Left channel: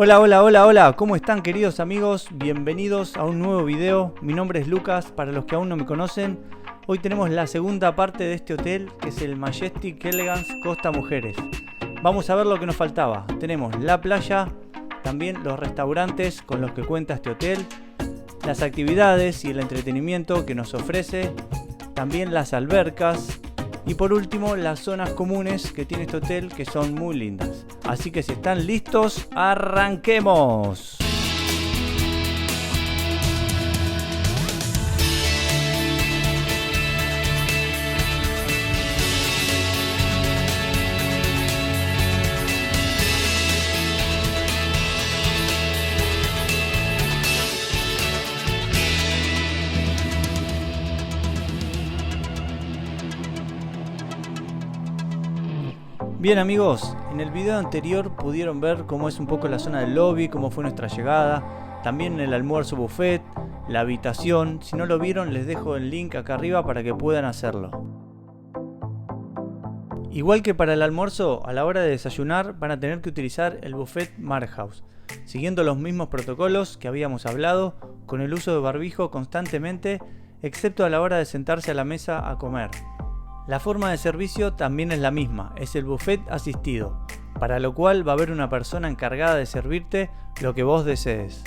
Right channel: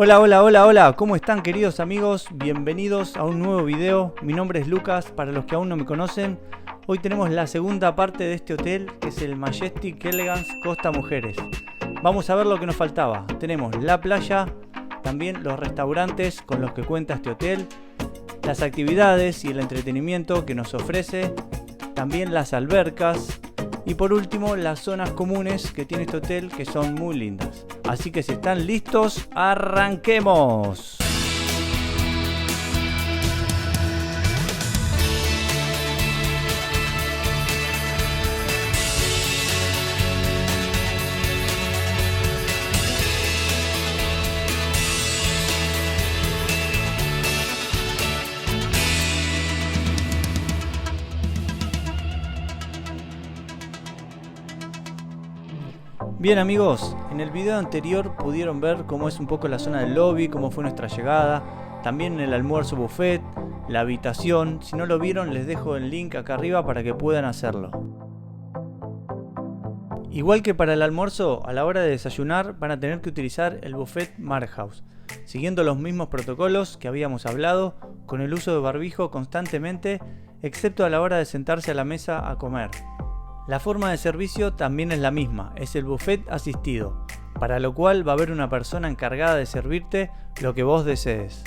Hola, hola, hola, hola, ¿cómo están queridos amigos? Bienvenidos a un nuevo video. Mi nombre es Lucas, para los que aún no me conocen. Hoy tenemos la segunda parte de este hotel, que es el Majestic Elegance Costa Mujeres. Vamos a ver lo que nos faltaba. Tenemos la playa, también los restaurantes con los que cuenta este hotel, las actividades y el entretenimiento que nos ofrece, también las albercas y por último las zonas comunes que tiene este hotel, que son muy lindas. Así que si están listos, ¡arranquemos! Bien amigos, en el video anterior pudieron ver cómo es un poco la zona del lobby, cómo fue nuestra llegada, también el almuerzo buffet, la habitación. Si no lo vieron, les dejo el link acá arriba para que puedan hacerlo. Igual que para el almuerzo, a la hora de desayunar van a tener que utilizar el buffet Marhouse, siguiendo los mismos protocolos que habíamos hablado, con el uso de barbijo constantemente, excepto a la hora de sentarse a la mesa a comer. La forma de servicio también es la misma, es el buffet asistido, para lo cual va a haber una persona encargada de servirte lo que vos desees.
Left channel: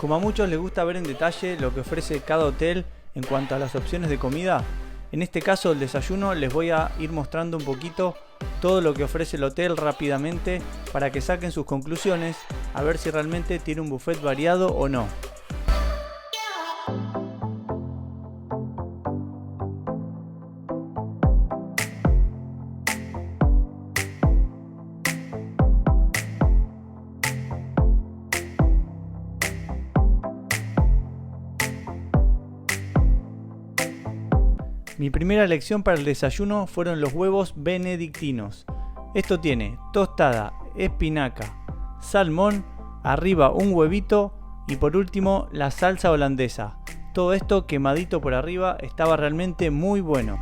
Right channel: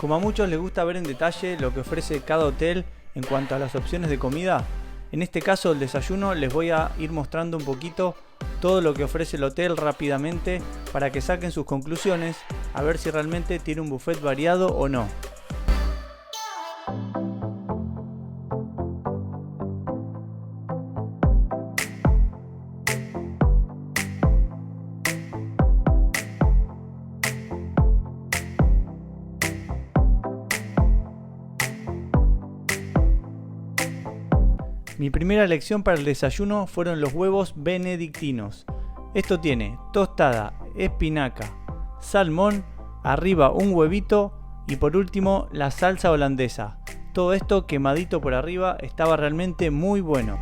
Como a muchos les gusta ver en detalle lo que ofrece cada hotel en cuanto a las opciones de comida, en este caso el desayuno les voy a ir mostrando un poquito todo lo que ofrece el hotel rápidamente para que saquen sus conclusiones, a ver si realmente tiene un buffet variado o no. Mi primera elección para el desayuno fueron los huevos benedictinos. Esto tiene tostada, espinaca, salmón, arriba un huevito y por último la salsa holandesa. Todo esto quemadito por arriba, estaba realmente muy bueno.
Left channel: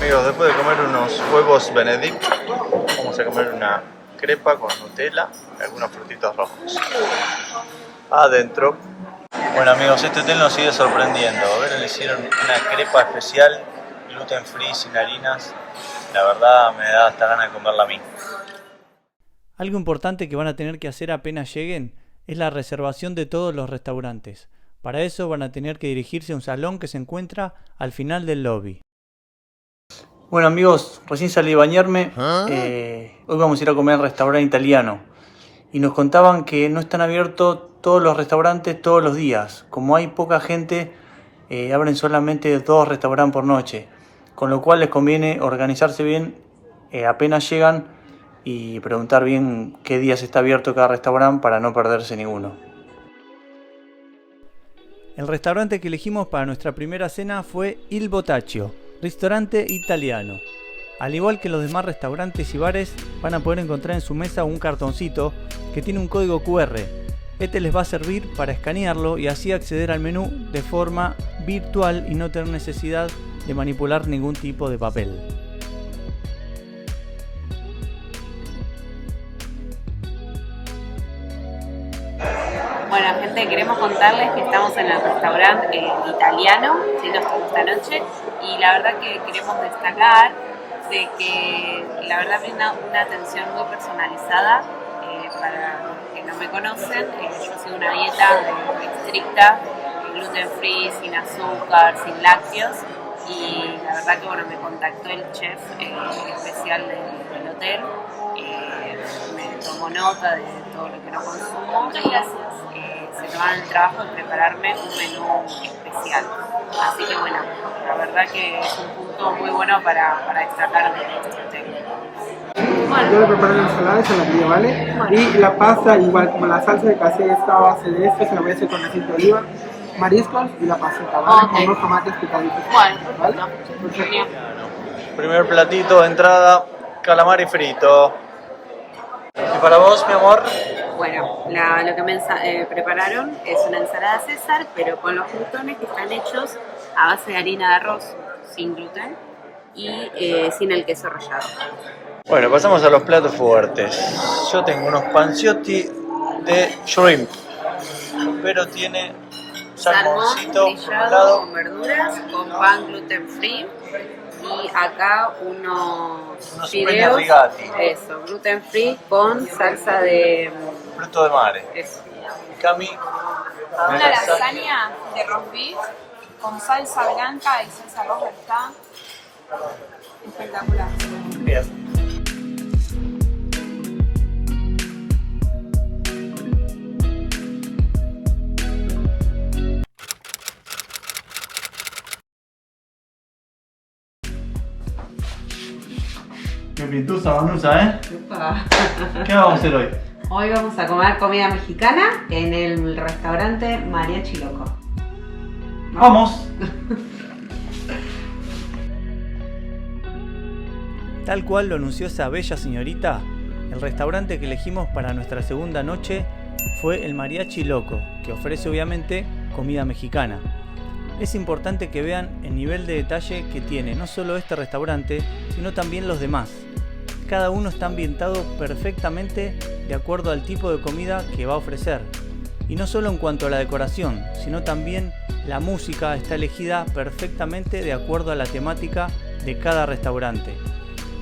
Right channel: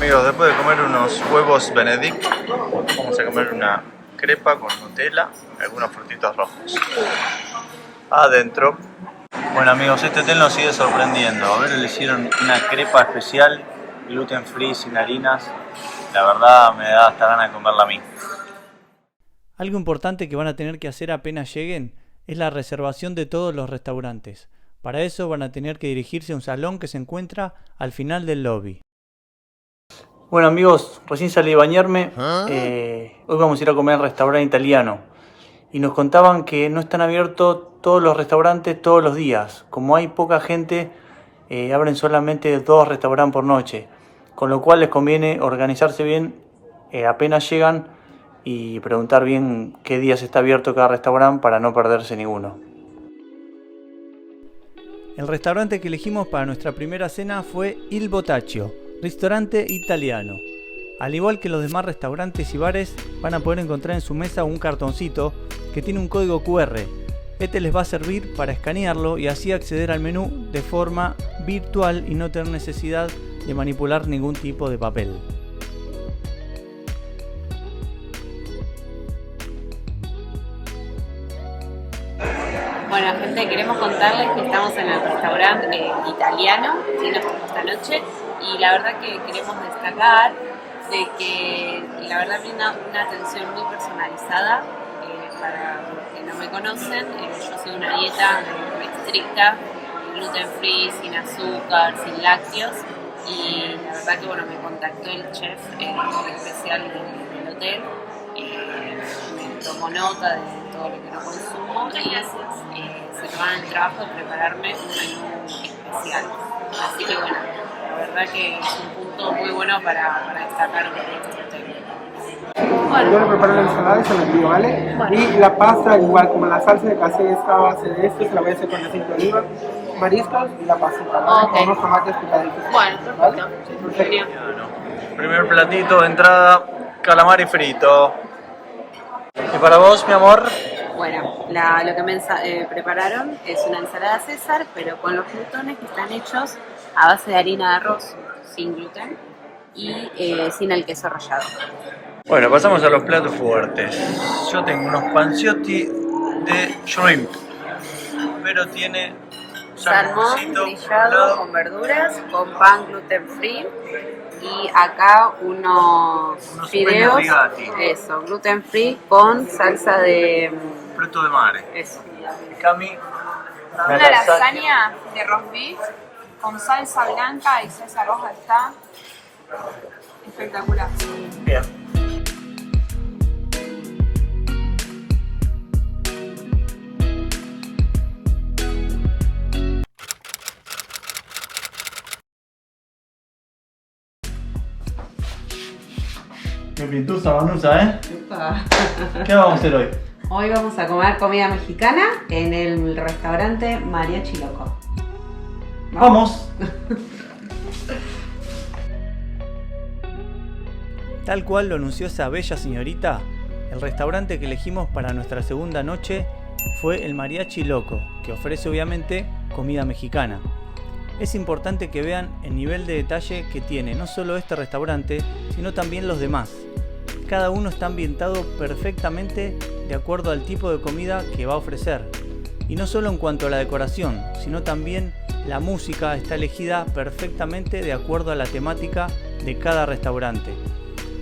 Amigos, después de comer unos huevos Benedict, vamos a comer una crepa con Nutella y algunos frutitos rojos. Adentro. Bueno amigos, este hotel nos sigue sorprendiendo. A ver, le hicieron una crepa especial, gluten free, sin harinas. La verdad me da hasta ganas de comerla a mí. Algo importante que van a tener que hacer apenas lleguen es la reservación de todos los restaurantes. Para eso van a tener que dirigirse a un salón que se encuentra al final del lobby. Bueno amigos, recién salí de bañarme, hoy vamos a ir a comer al restaurante italiano y nos contaban que no están abiertos todos los restaurantes todos los días. Como hay poca gente, abren solamente 2 restaurantes por noche, con lo cual les conviene organizarse bien apenas llegan y preguntar bien qué días está abierto cada restaurante para no perderse ninguno. El restaurante que elegimos para nuestra primera cena fue Il Botaccio, restaurante italiano. Al igual que los demás restaurantes y bares, van a poder encontrar en su mesa un cartoncito que tiene un código QR. Este les va a servir para escanearlo y así acceder al menú de forma virtual y no tener necesidad de manipular ningún tipo de papel. Bueno gente, queremos contarles que estamos en el restaurante italiano, ¿sí? Nos tocó esta noche y la verdad que queremos destacar de que la verdad brinda una atención muy personalizada. Para los que no me conocen, yo sigo una dieta estricta, gluten free, sin azúcar, sin lácteos y la verdad que bueno, me contactó el chef especial del hotel, me tomó nota de todo lo que no consumo y se tomaron el trabajo de prepararme un menú especial. Así que bueno, la verdad que es un punto muy bueno para destacar de este hotel. Yo le preparo la ensalada y se la envío, ¿vale? Y la pasta, igual como la salsa de casé está a base de esto, se la voy a hacer con aceite de oliva. mariscos y la pasita, ¿vale? Ok. Con unos tomates picaditos. Bueno, ¿vale? perfecto. Perfecto. Genial. Primer platito de entrada, calamar y frito. ¿Y para vos, mi amor? Bueno, lo que me prepararon es una ensalada César, pero con los crutones que están hechos a base de harina de arroz, sin gluten y sin el queso rallado. Bueno, pasamos a los platos fuertes. Yo tengo unos panciotti de shrimp, pero tiene Salmón salmoncito por un grillado lado. con verduras, con pan gluten free y acá unos Unos fideos, penne rigati. eso, gluten free con salsa de Fruto de mare. eso. Cami, Una lasaña de roast beef con salsa blanca y salsa roja está espectacular. Bien. Qué pintusa, Manusa, ¿eh? ¿Qué vamos a hacer hoy? Hoy vamos a comer comida mexicana en el restaurante Mariachi Loco. ¡Vamos! Tal cual lo anunció esa bella señorita, el restaurante que elegimos para nuestra segunda noche fue el Mariachi Loco, que ofrece obviamente comida mexicana. Es importante que vean el nivel de detalle que tiene no solo este restaurante, sino también los demás. Cada uno está ambientado perfectamente de acuerdo al tipo de comida que va a ofrecer. Y no solo en cuanto a la decoración, sino también la música está elegida perfectamente de acuerdo a la temática de cada restaurante.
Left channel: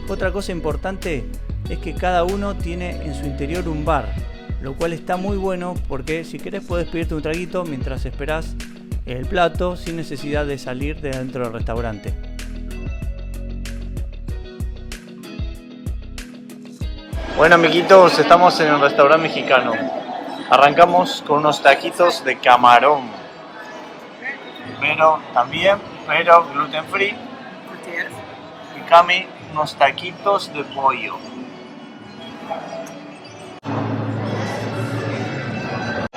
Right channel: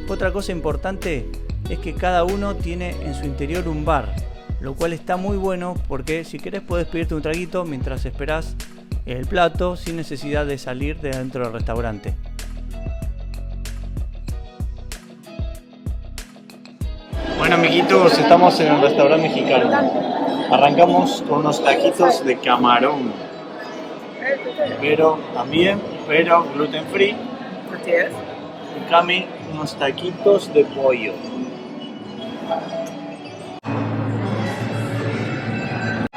Otra cosa importante es que cada uno tiene en su interior un bar, lo cual está muy bueno porque si querés podés pedirte un traguito mientras esperás el plato sin necesidad de salir de dentro del restaurante. Bueno, amiguitos, estamos en un restaurante mexicano. Arrancamos con unos taquitos de camarón, pero gluten free. Así es. Y Cami, unos taquitos de pollo.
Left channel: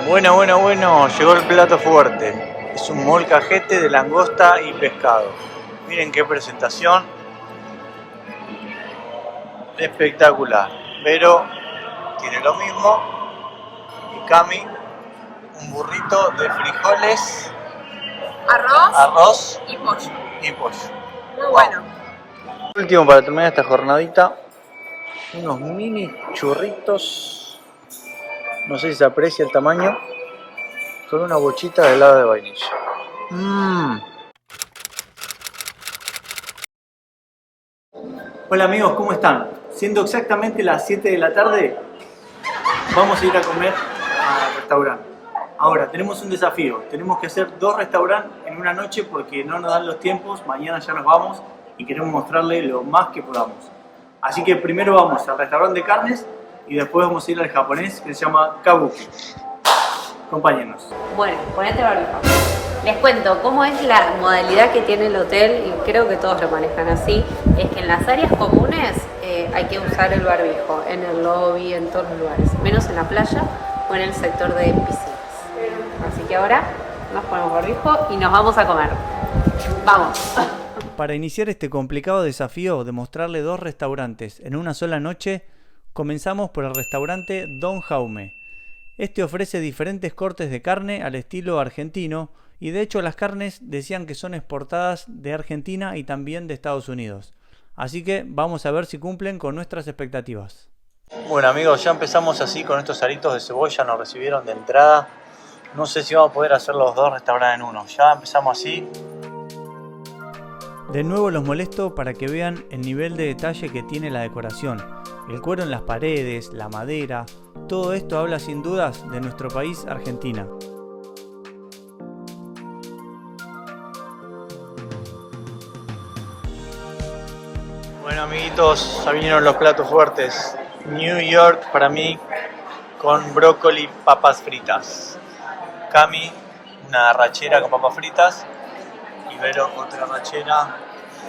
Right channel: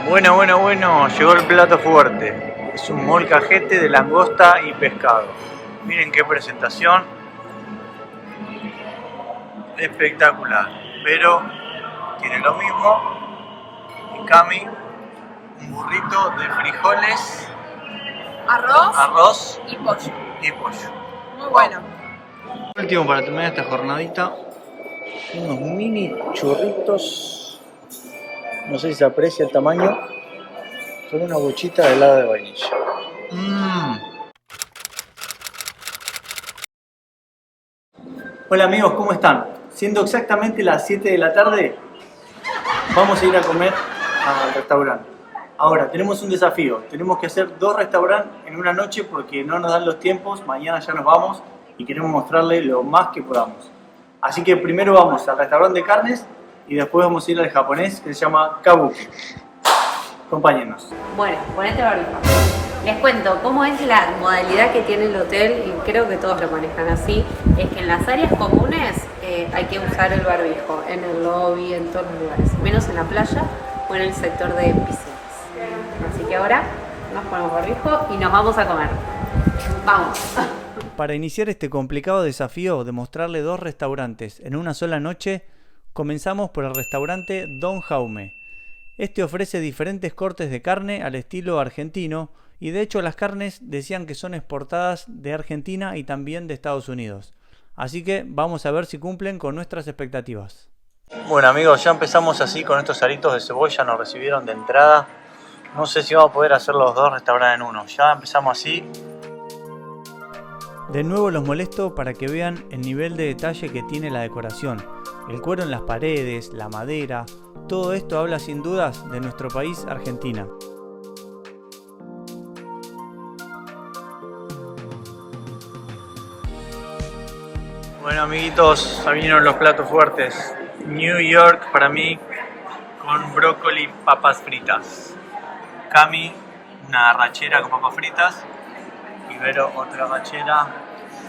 Bueno, llegó el plato fuerte. Es un molcajete de langosta y pescado. Miren qué presentación. Espectacular. Pero tiene lo mismo. Y Cami, un burrito de frijoles, arroz Y pollo. y pollo. Muy bueno. Último para terminar esta jornadita, unos mini churritos, no sé si se aprecia el tamaño, con una bochita de helado de vainilla. Hola amigos, ¿cómo están? Siendo exactamente las 7 de la tarde, vamos a ir a comer al restaurante. Ahora, tenemos un desafío, tenemos que hacer 2 restaurantes en una noche porque no nos dan los tiempos, mañana ya nos vamos y queremos mostrarle lo más que podamos. Así que primero vamos al restaurante de carnes y después vamos a ir al japonés que se llama Kabuki. Acompáñenos. Bueno, ponete barbijo. Les cuento cómo es la modalidad que tiene el hotel, y creo que todos lo manejan así, es que en las áreas comunes hay que usar el barbijo, en el lobby, en todos los lugares, menos en la playa o en el sector de piscinas. Así que ahora nos ponemos barbijo y nos vamos a comer. ¡Vamos! Para iniciar este complicado desafío de mostrarle 2 restaurantes en una sola noche, comenzamos por el restaurante Don Jaume. Este ofrece diferentes cortes de carne al estilo argentino y de hecho las carnes decían que son exportadas de Argentina y también de Estados Unidos. Así que vamos a ver si cumplen con nuestras expectativas. Bueno amigos, ya empezamos así con estos aritos de cebolla, nos recibieron de entrada. No sé si vamos a poder hacer los 2 restaurantes en uno, ya empezamos así. De nuevo los molesto para que vean el nivel de detalle que tiene la decoración. El cuero en las paredes, la madera, todo esto habla sin dudas de nuestro país, Argentina. Bueno amiguitos, ya vinieron los platos fuertes. New York para mí con brócoli y papas fritas. Cami, una arrachera con papas fritas. Ibero, otra arrachera.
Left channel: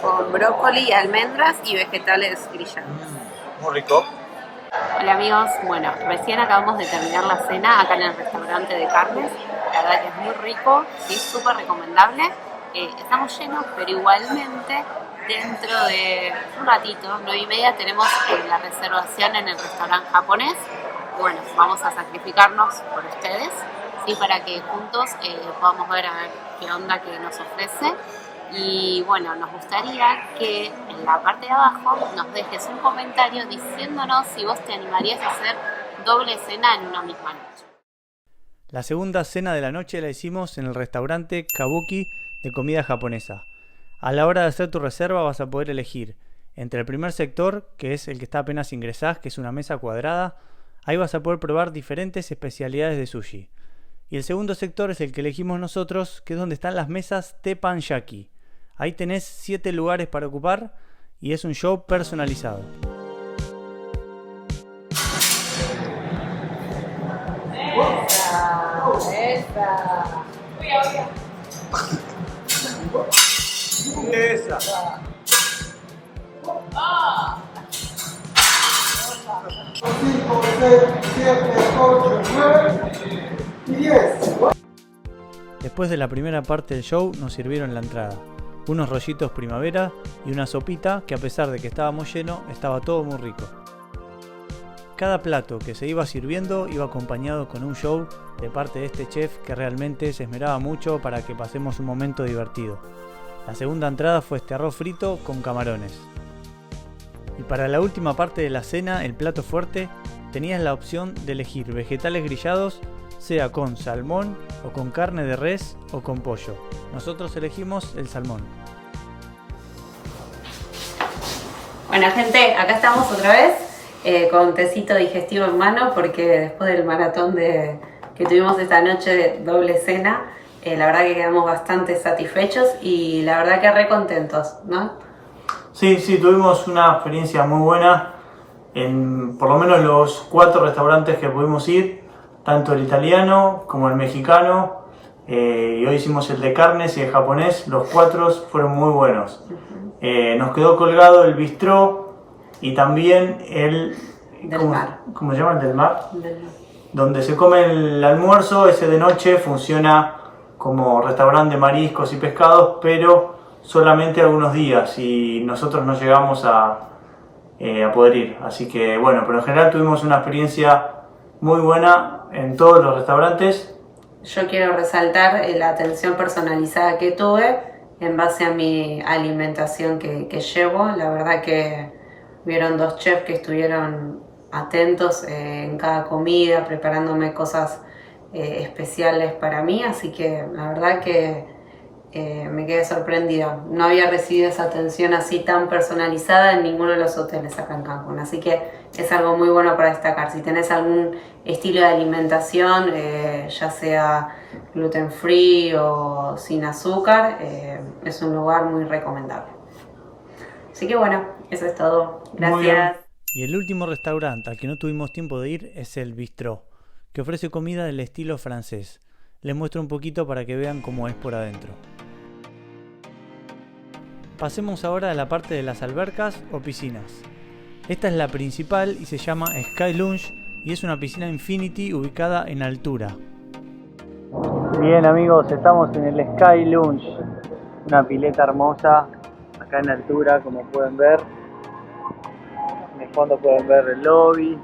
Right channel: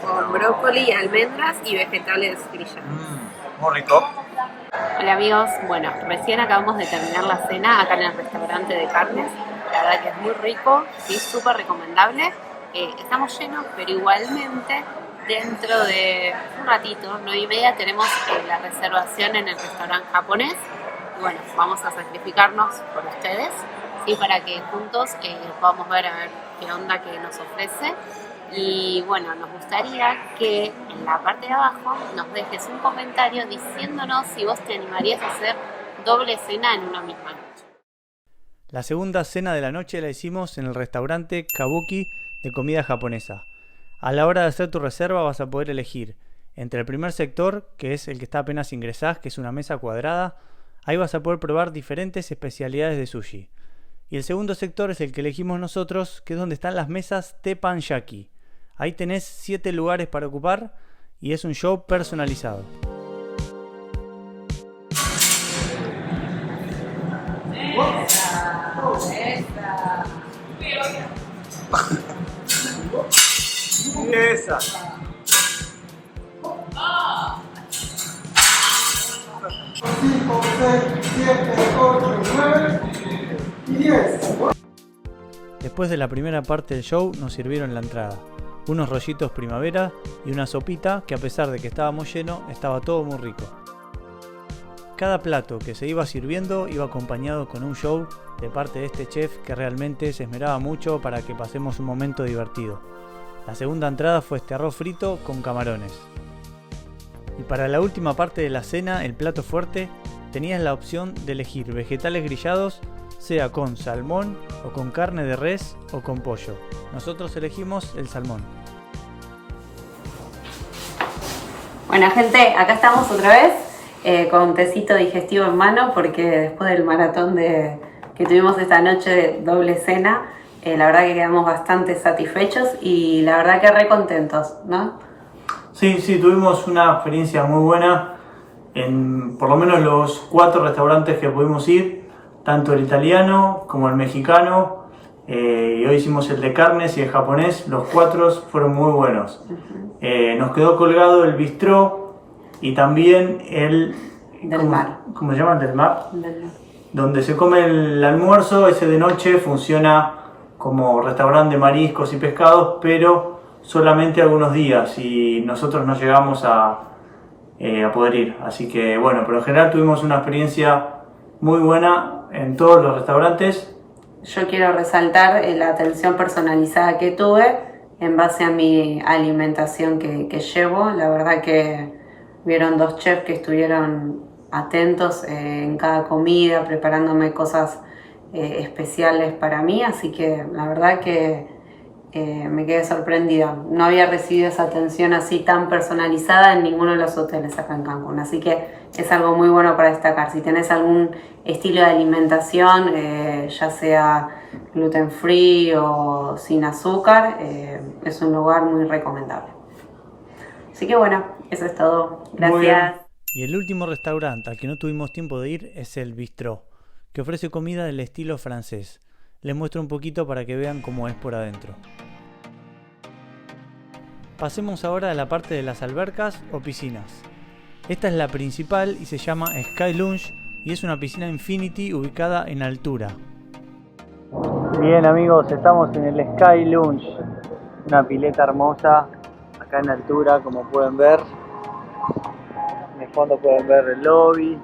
Con brócoli, almendras y vegetales grillados. Muy rico. Hola amigos, bueno, recién acabamos de terminar la cena acá en el restaurante de carnes la verdad que es muy rico y es súper recomendable. Estamos llenos, pero igualmente dentro de un ratito, 9:30, tenemos la reservación en el restaurante japonés. Y bueno, vamos a sacrificarnos por ustedes, ¿sí? Para que juntos podamos ver a ver qué onda que nos ofrece. Y bueno, nos gustaría que en la parte de abajo nos dejes un comentario diciéndonos si vos te animarías a hacer doble cena en una misma noche. La segunda cena de la noche la hicimos en el restaurante Kabuki de comida japonesa. A la hora de hacer tu reserva vas a poder elegir entre el primer sector, que es el que está apenas ingresás, que es una mesa cuadrada. Ahí vas a poder probar diferentes especialidades de sushi. Y el segundo sector es el que elegimos nosotros, que es donde están las mesas teppanyaki. Ahí tenés 7 lugares para ocupar y es un show personalizado. Esa. 5, 6, 7, 8, 9 y 10. Después de la primera parte del show nos sirvieron la entrada. Unos rollitos primavera y una sopita que, a pesar de que estábamos llenos, estaba todo muy rico. Cada plato que se iba sirviendo iba acompañado con un show de parte de este chef que realmente se esmeraba mucho para que pasemos un momento divertido. La segunda entrada fue este arroz frito con camarones. Y para la última parte de la cena, el plato fuerte, tenías la opción de elegir vegetales grillados, sea con salmón o con carne de res o con pollo. Nosotros elegimos el salmón. Bueno, gente, acá estamos otra vez con un tecito digestivo en mano, porque después del maratón que tuvimos esta noche de doble cena, la verdad que quedamos bastante satisfechos y la verdad que re contentos, ¿no? Sí, tuvimos una experiencia muy buena en por lo menos los 4 restaurantes que pudimos ir, tanto el italiano como el mexicano, y hoy hicimos el de carnes y el japonés. Los 4 fueron muy buenos. Nos quedó colgado el bistró y también el Del mar. ¿Cómo se llama? El del mar. Del mar. Donde se come el almuerzo. Ese de noche funciona como restaurante de mariscos y pescados, pero solamente algunos días, y nosotros no llegamos a poder ir. Así que bueno, pero en general tuvimos una experiencia muy buena en todos los restaurantes. Yo quiero resaltar la atención personalizada que tuve en base a mi alimentación que llevo. La verdad que hubieron 2 chefs que estuvieron atentos en cada comida, preparándome cosas especiales para mí, así que la verdad que me quedé sorprendida. No había recibido esa atención así tan personalizada en ninguno de los hoteles acá en Cancún, así que es algo muy bueno para destacar. Si tenés algún estilo de alimentación, ya sea gluten free o sin azúcar, es un lugar muy recomendable. Así que bueno, eso es todo. Gracias. Y el último restaurante al que no tuvimos tiempo de ir es el Bistró, que ofrece comida del estilo francés. Les muestro un poquito para que vean cómo es por adentro. Pasemos ahora a la parte de las albercas o piscinas. Esta es la principal y se llama Sky Lounge y es una piscina Infinity ubicada en altura. Bien amigos, estamos en el Sky Lounge, una pileta hermosa acá en altura, como pueden ver. En el fondo pueden ver el lobby.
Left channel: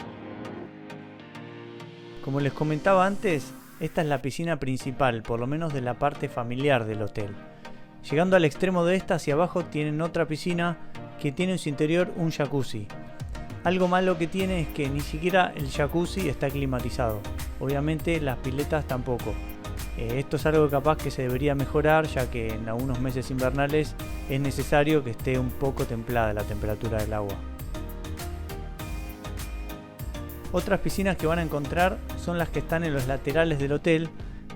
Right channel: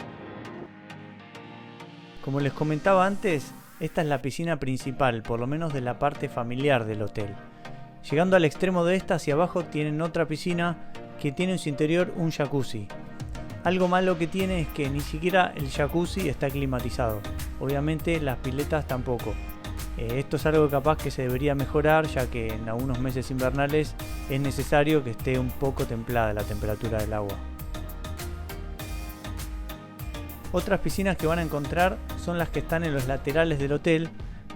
Como les comentaba antes, esta es la piscina principal, por lo menos de la parte familiar del hotel. Llegando al extremo de esta, hacia abajo tienen otra piscina que tiene en su interior un jacuzzi. Algo malo que tiene es que ni siquiera el jacuzzi está climatizado. Obviamente las piletas tampoco. Esto es algo capaz que se debería mejorar, ya que en algunos meses invernales es necesario que esté un poco templada la temperatura del agua. Otras piscinas que van a encontrar son las que están en los laterales del hotel,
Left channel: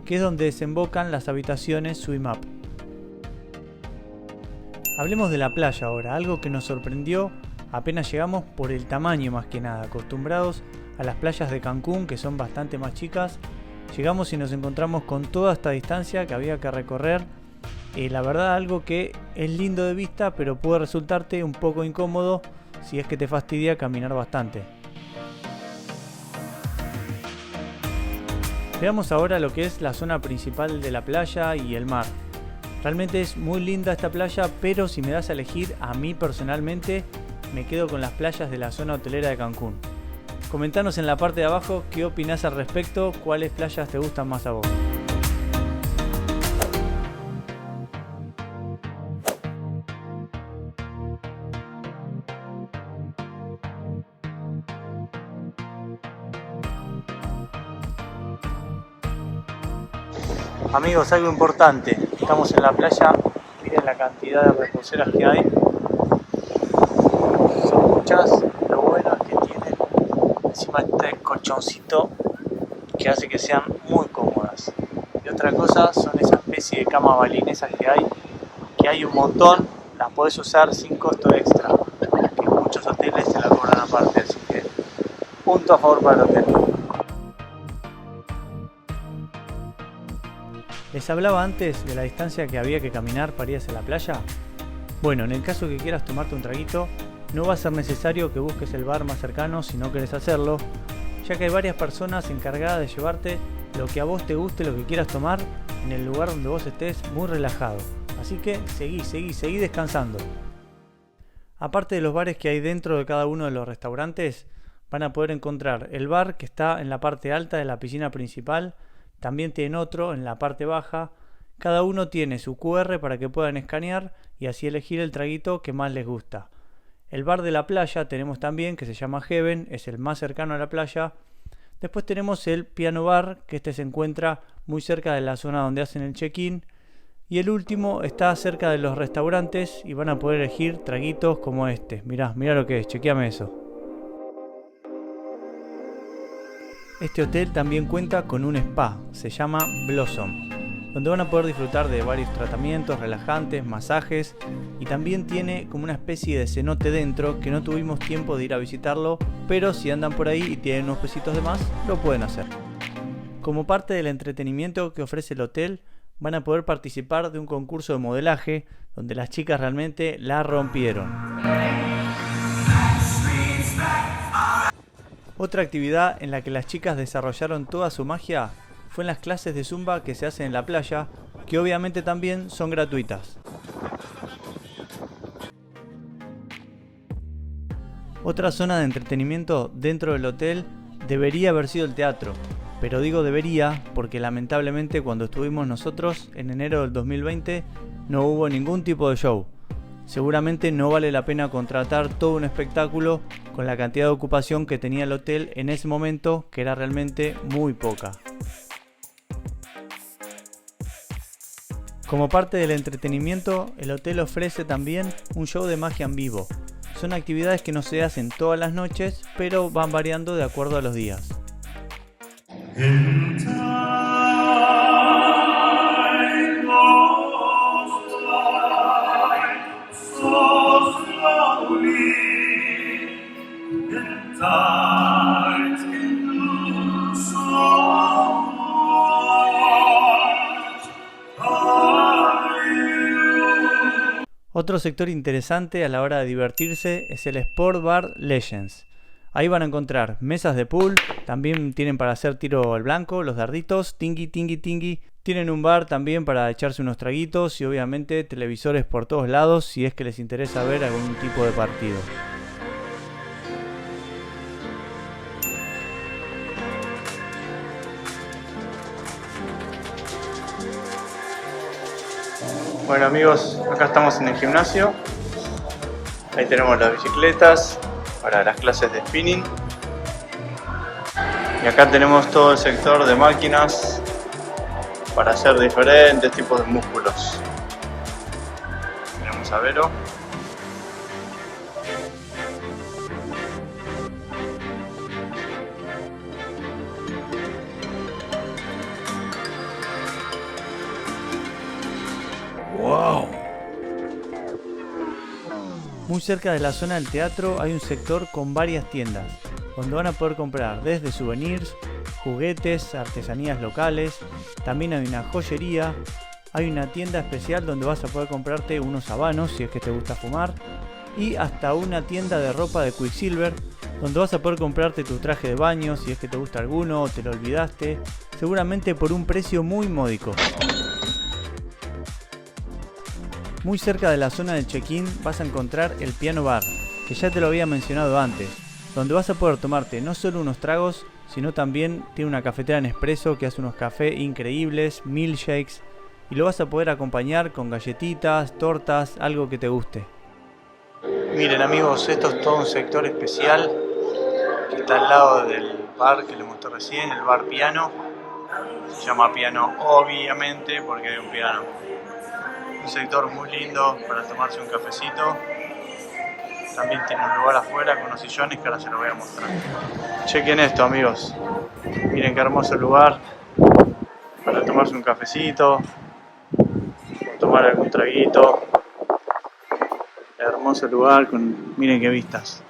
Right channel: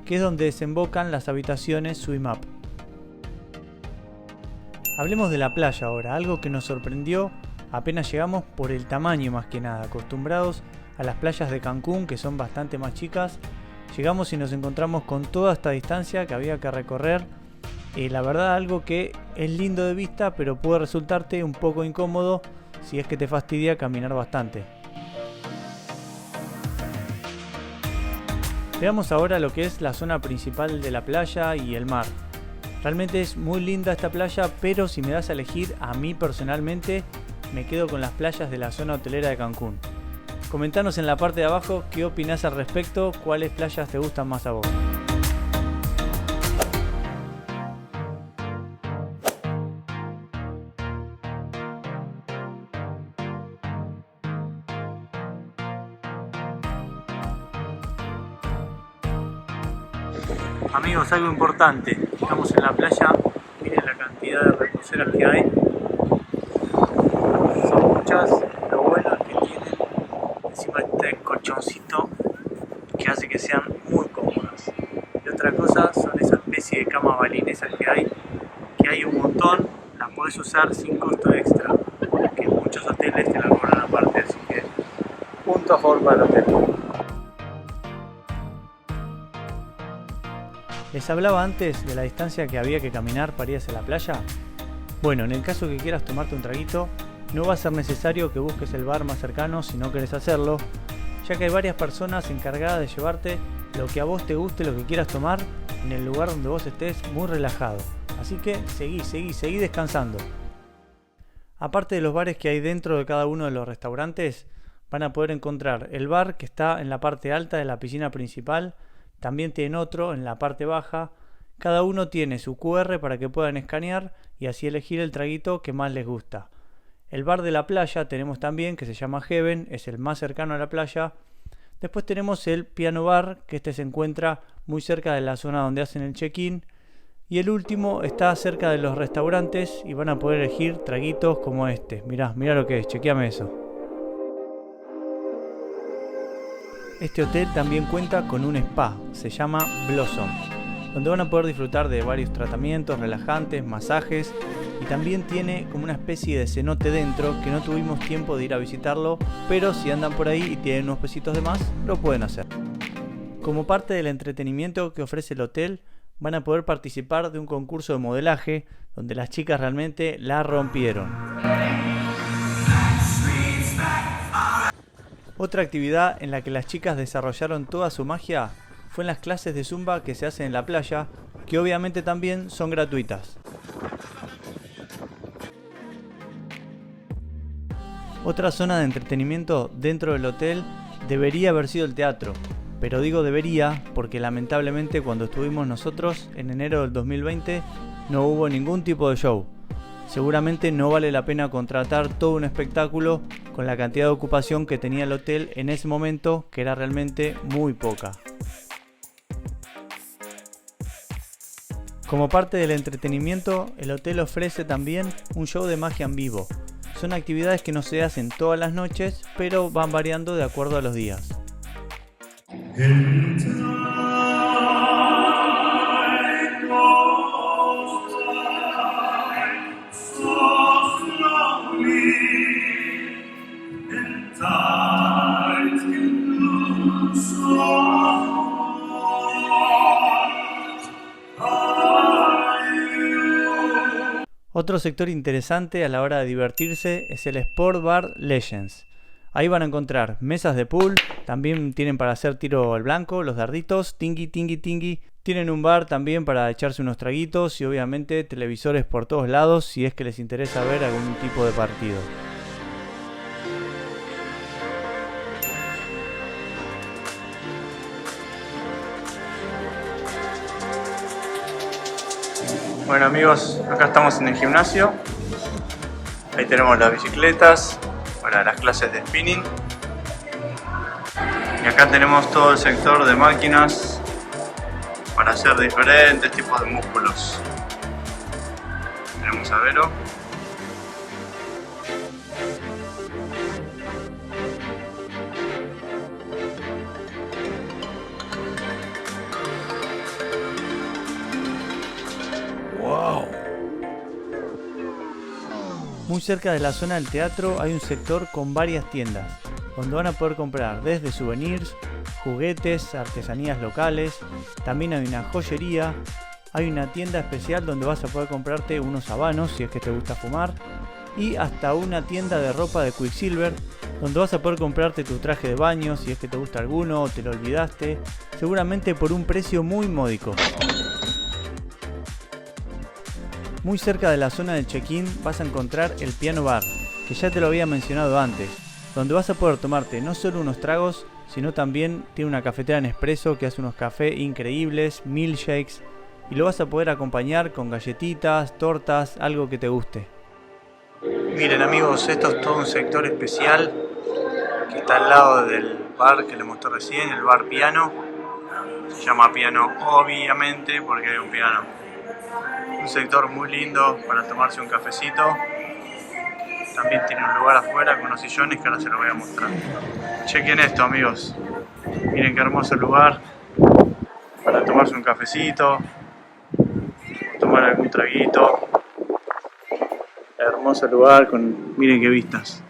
que es donde desembocan las habitaciones Swim Up. Hablemos de la playa ahora, algo que nos sorprendió apenas llegamos por el tamaño más que nada. Acostumbrados a las playas de Cancún, que son bastante más chicas, llegamos y nos encontramos con toda esta distancia que había que recorrer. La verdad, algo que es lindo de vista, pero puede resultarte un poco incómodo si es que te fastidia caminar bastante. Veamos ahora lo que es la zona principal de la playa y el mar. Realmente es muy linda esta playa, pero si me das a elegir, a mí personalmente me quedo con las playas de la zona hotelera de Cancún. Comentanos en la parte de abajo qué opinás al respecto, cuáles playas te gustan más a vos. Amigos, algo importante, estamos en la playa, miren la cantidad de reposeras que hay, son muchas, lo bueno es que tienen encima este colchoncito que hace que sean muy cómodas. Y otra cosa son esa especie de camas balinesas que hay un montón, las podés usar sin costo extra, que en muchos hoteles te la cobran aparte, así que punto a favor para el hotel. ¿Les hablaba antes de la distancia que había que caminar para ir hacia la playa? Bueno, en el caso que quieras tomarte un traguito, no va a ser necesario que busques el bar más cercano si no querés hacerlo, ya que hay varias personas encargadas de llevarte lo que a vos te guste, lo que quieras tomar, en el lugar donde vos estés muy relajado. Así que seguí descansando. Aparte de los bares que hay dentro de cada uno de los restaurantes, van a poder encontrar el bar que está en la parte alta de la piscina principal. También tienen otro en la parte baja. Cada uno tiene su QR para que puedan escanear y así elegir el traguito que más les gusta. El bar de la playa tenemos también, que se llama Heaven, es el más cercano a la playa. Después tenemos el Piano Bar, que este se encuentra muy cerca de la zona donde hacen el check-in. Y el último está cerca de los restaurantes y van a poder elegir traguitos como este. Mirá lo que es, chequeame eso. Este hotel también cuenta con un spa, se llama Blossom, donde van a poder disfrutar de varios tratamientos relajantes, masajes y también tiene como una especie de cenote dentro que no tuvimos tiempo de ir a visitarlo, pero si andan por ahí y tienen unos pesitos de más, lo pueden hacer. Como parte del entretenimiento que ofrece el hotel, van a poder participar de un concurso de modelaje donde las chicas realmente la rompieron. Otra actividad en la que las chicas desarrollaron toda su magia fue en las clases de Zumba que se hacen en la playa, que obviamente también son gratuitas. Otra zona de entretenimiento dentro del hotel debería haber sido el teatro, pero digo debería porque lamentablemente cuando estuvimos nosotros en enero del 2020 no hubo ningún tipo de show. Seguramente no vale la pena contratar todo un espectáculo con la cantidad de ocupación que tenía el hotel en ese momento, que era realmente muy poca. Como parte del entretenimiento, el hotel ofrece también un show de magia en vivo. Son actividades que no se hacen todas las noches, pero van variando de acuerdo a los días. Otro sector interesante a la hora de divertirse es el Sport Bar Legends. Ahí van a encontrar mesas de pool, también tienen para hacer tiro al blanco, los darditos, tingui. Tienen un bar también para echarse unos traguitos y obviamente televisores por todos lados si es que les interesa ver algún tipo de partido. Bueno amigos, acá estamos en el gimnasio. Ahí tenemos las bicicletas para las clases de spinning. Y acá tenemos todo el sector de máquinas para hacer diferentes tipos de músculos. Tenemos a Vero. ¡Wow! Muy cerca de la zona del teatro hay un sector con varias tiendas, donde van a poder comprar desde souvenirs, juguetes, artesanías locales, también hay una joyería, hay una tienda especial donde vas a poder comprarte unos habanos si es que te gusta fumar, y hasta una tienda de ropa de Quicksilver, donde vas a poder comprarte tu traje de baño si es que te gusta alguno o te lo olvidaste, seguramente por un precio muy módico. Muy cerca de la zona del check-in vas a encontrar el Piano Bar, que ya te lo había mencionado antes, donde vas a poder tomarte no solo unos tragos, sino también tiene una cafetera Nespresso que hace unos cafés increíbles, milkshakes, y lo vas a poder acompañar con galletitas, tortas, algo que te guste. Miren amigos, esto es todo un sector especial que está al lado del bar que les mostré recién, el bar Piano. Se llama Piano obviamente porque hay un piano. Un sector muy lindo para tomarse un cafecito. También tiene un lugar afuera con unos sillones que ahora se los voy a mostrar. Chequen esto amigos, miren qué hermoso lugar para tomarse un cafecito, tomar algún traguito. Hermoso lugar con, miren qué vistas.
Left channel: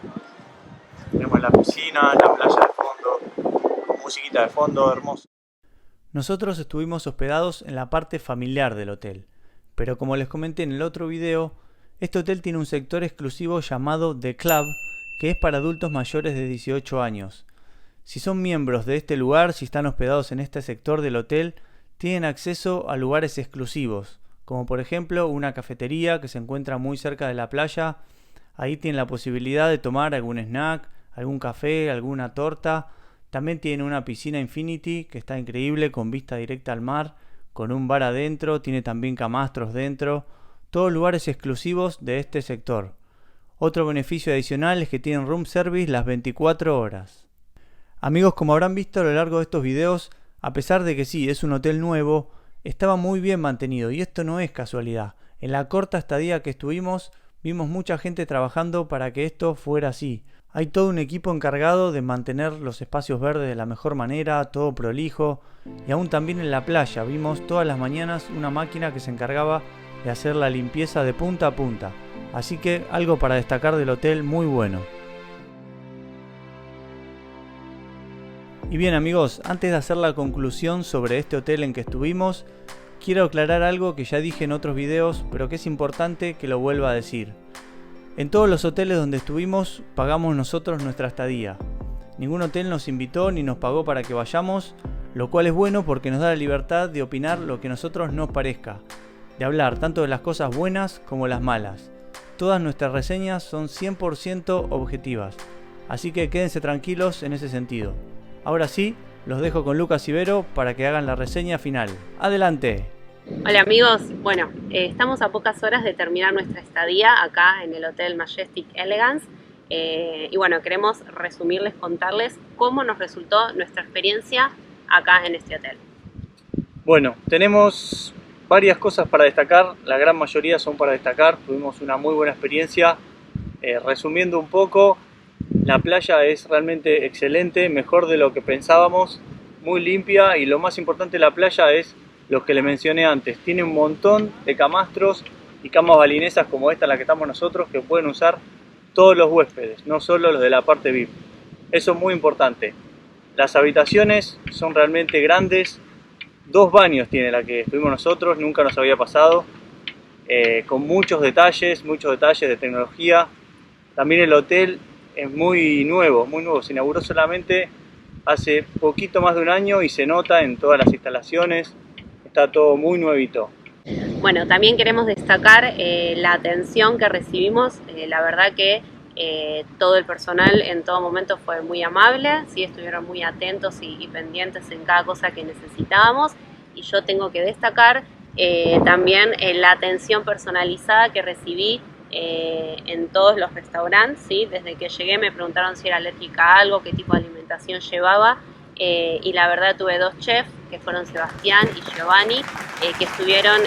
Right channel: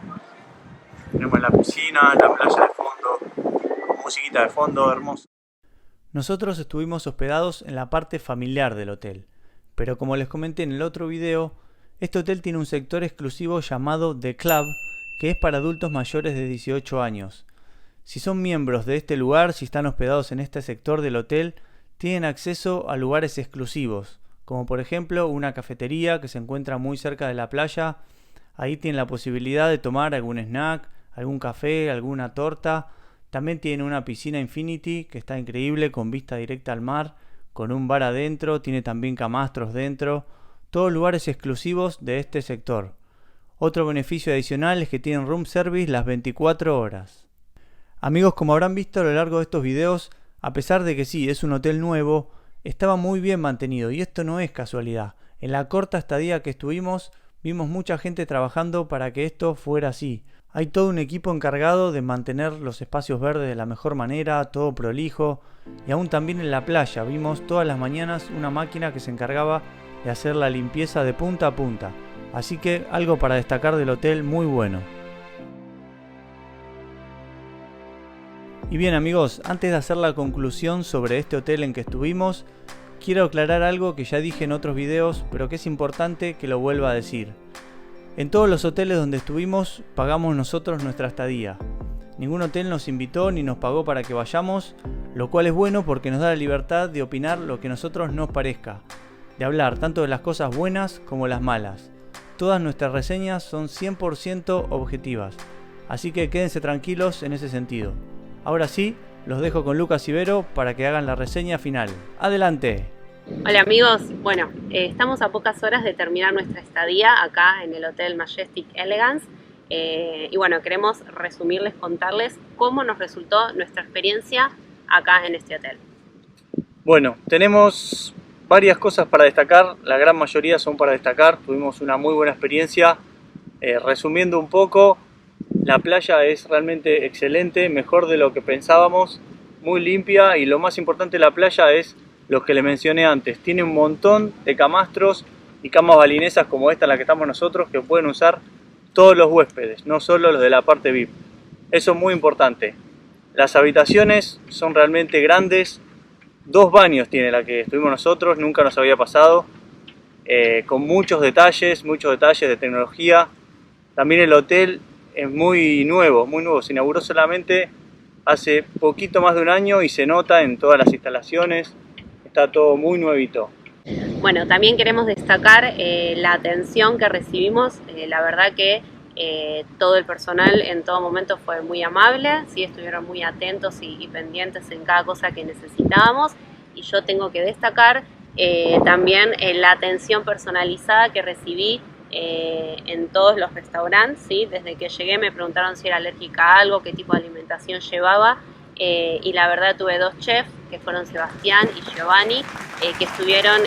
Tenemos la piscina, la playa de fondo, musiquita de fondo, hermoso. Nosotros estuvimos hospedados en la parte familiar del hotel, pero como les comenté en el otro video, este hotel tiene un sector exclusivo llamado The Club, que es para adultos mayores de 18 años. Si son miembros de este lugar, si están hospedados en este sector del hotel, tienen acceso a lugares exclusivos, como por ejemplo una cafetería que se encuentra muy cerca de la playa. Ahí tienen la posibilidad de tomar algún snack, algún café, alguna torta. También tienen una piscina Infinity que está increíble con vista directa al mar, con un bar adentro, tiene también camastros dentro, todos lugares exclusivos de este sector. Otro beneficio adicional es que tienen room service las 24 horas. Amigos, como habrán visto a lo largo de estos videos, a pesar de que sí, es un hotel nuevo, estaba muy bien mantenido y esto no es casualidad. En la corta estadía que estuvimos, vimos mucha gente trabajando para que esto fuera así. Hay todo un equipo encargado de mantener los espacios verdes de la mejor manera, todo prolijo, y aún también en la playa vimos todas las mañanas una máquina que se encargaba de hacer la limpieza de punta a punta. Así que algo para destacar del hotel muy bueno. Y bien amigos, antes de hacer la conclusión sobre este hotel en que estuvimos, quiero aclarar algo que ya dije en otros videos, pero que es importante que lo vuelva a decir. En todos los hoteles donde estuvimos, pagamos nosotros nuestra estadía. Ningún hotel nos invitó ni nos pagó para que vayamos, lo cual es bueno porque nos da la libertad de opinar lo que a nosotros nos parezca, de hablar tanto de las cosas buenas como las malas. Todas nuestras reseñas son 100% objetivas, así que quédense tranquilos en ese sentido. Ahora sí, los dejo con Lucas y Vero para que hagan la reseña final. ¡Adelante! Hola amigos, bueno, estamos a pocas horas de terminar nuestra estadía acá en el Hotel Majestic Elegance y bueno, queremos resumirles, contarles cómo nos resultó nuestra experiencia acá en este hotel. Bueno, tenemos varias cosas para destacar, la gran mayoría son para destacar, tuvimos una muy buena experiencia. Resumiendo un poco, la playa es realmente excelente, mejor de lo que pensábamos, muy limpia y lo más importante de la playa es lo que les mencioné antes. Tiene un montón de camastros y camas balinesas como esta en la que estamos nosotros que pueden usar todos los huéspedes, no solo los de la parte VIP. Eso es muy importante. Las habitaciones son realmente grandes, 2 baños tiene la que estuvimos nosotros, nunca nos había pasado, con muchos detalles de tecnología. También el hotel es muy nuevo, se inauguró solamente hace poquito más de un año y se nota en todas las instalaciones, está todo muy nuevito. Bueno, también queremos destacar la atención que recibimos, la verdad que todo el personal en todo momento fue muy amable, ¿sí? Estuvieron muy atentos y pendientes en cada cosa que necesitábamos y yo tengo que destacar también la atención personalizada que recibí en todos los restaurantes, ¿sí? Desde que llegué me preguntaron si era alérgica a algo, qué tipo de alimentación llevaba y la verdad tuve 2 chefs que fueron Sebastián y Giovanni que estuvieron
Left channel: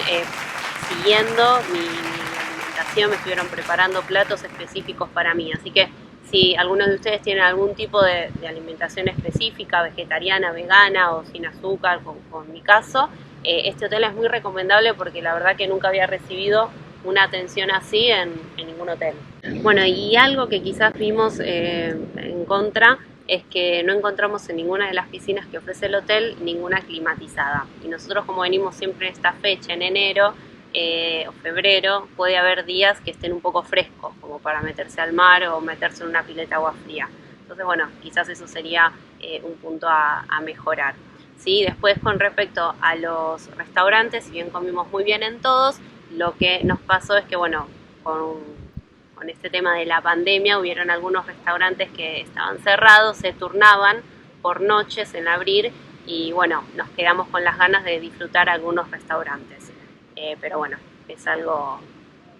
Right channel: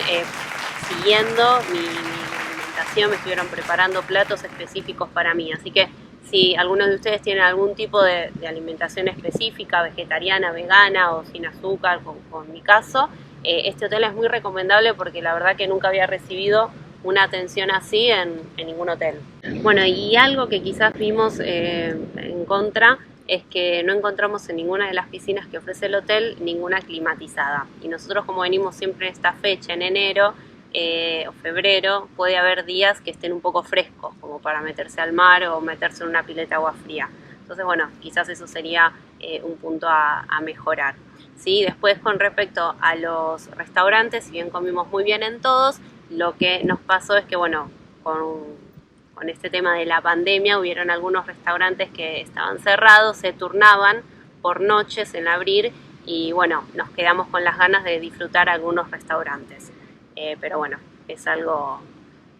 siguiendo mi alimentación, me estuvieron preparando platos específicos para mí, así que si algunos de ustedes tienen algún tipo de alimentación específica, vegetariana, vegana o sin azúcar, como en mi caso, este hotel es muy recomendable porque la verdad que nunca había recibido una atención así en ningún hotel. Bueno, y algo que quizás vimos en contra es que no encontramos en ninguna de las piscinas que ofrece el hotel ninguna climatizada. Y nosotros, como venimos siempre en esta fecha, en enero o febrero, puede haber días que estén un poco frescos, como para meterse al mar o meterse en una pileta de agua fría. Entonces, bueno, quizás eso sería un punto a mejorar. ¿Sí? Después, con respecto a los restaurantes, si bien comimos muy bien en todos, lo que nos pasó es que, bueno, con este tema de la pandemia hubieron algunos restaurantes que estaban cerrados, se turnaban por noches en abrir y bueno, nos quedamos con las ganas de disfrutar algunos restaurantes. Pero bueno, es algo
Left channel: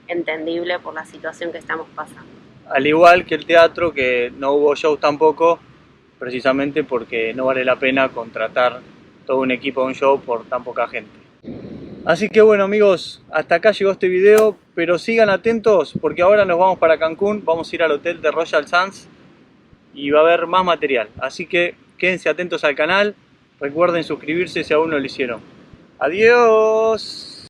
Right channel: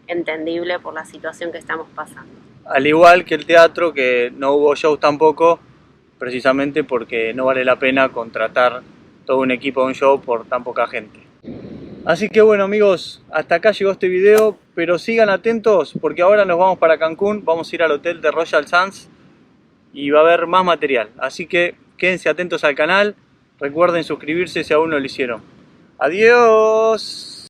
entendible por la situación que estamos pasando. Al igual que el teatro, que no hubo shows tampoco, precisamente porque no vale la pena contratar todo un equipo de un show por tan poca gente. Así que bueno amigos, hasta acá llegó este video, pero sigan atentos porque ahora nos vamos para Cancún, vamos a ir al hotel de Royal Sands y va a haber más material. Así que quédense atentos al canal, recuerden suscribirse si aún no lo hicieron. ¡Adiós!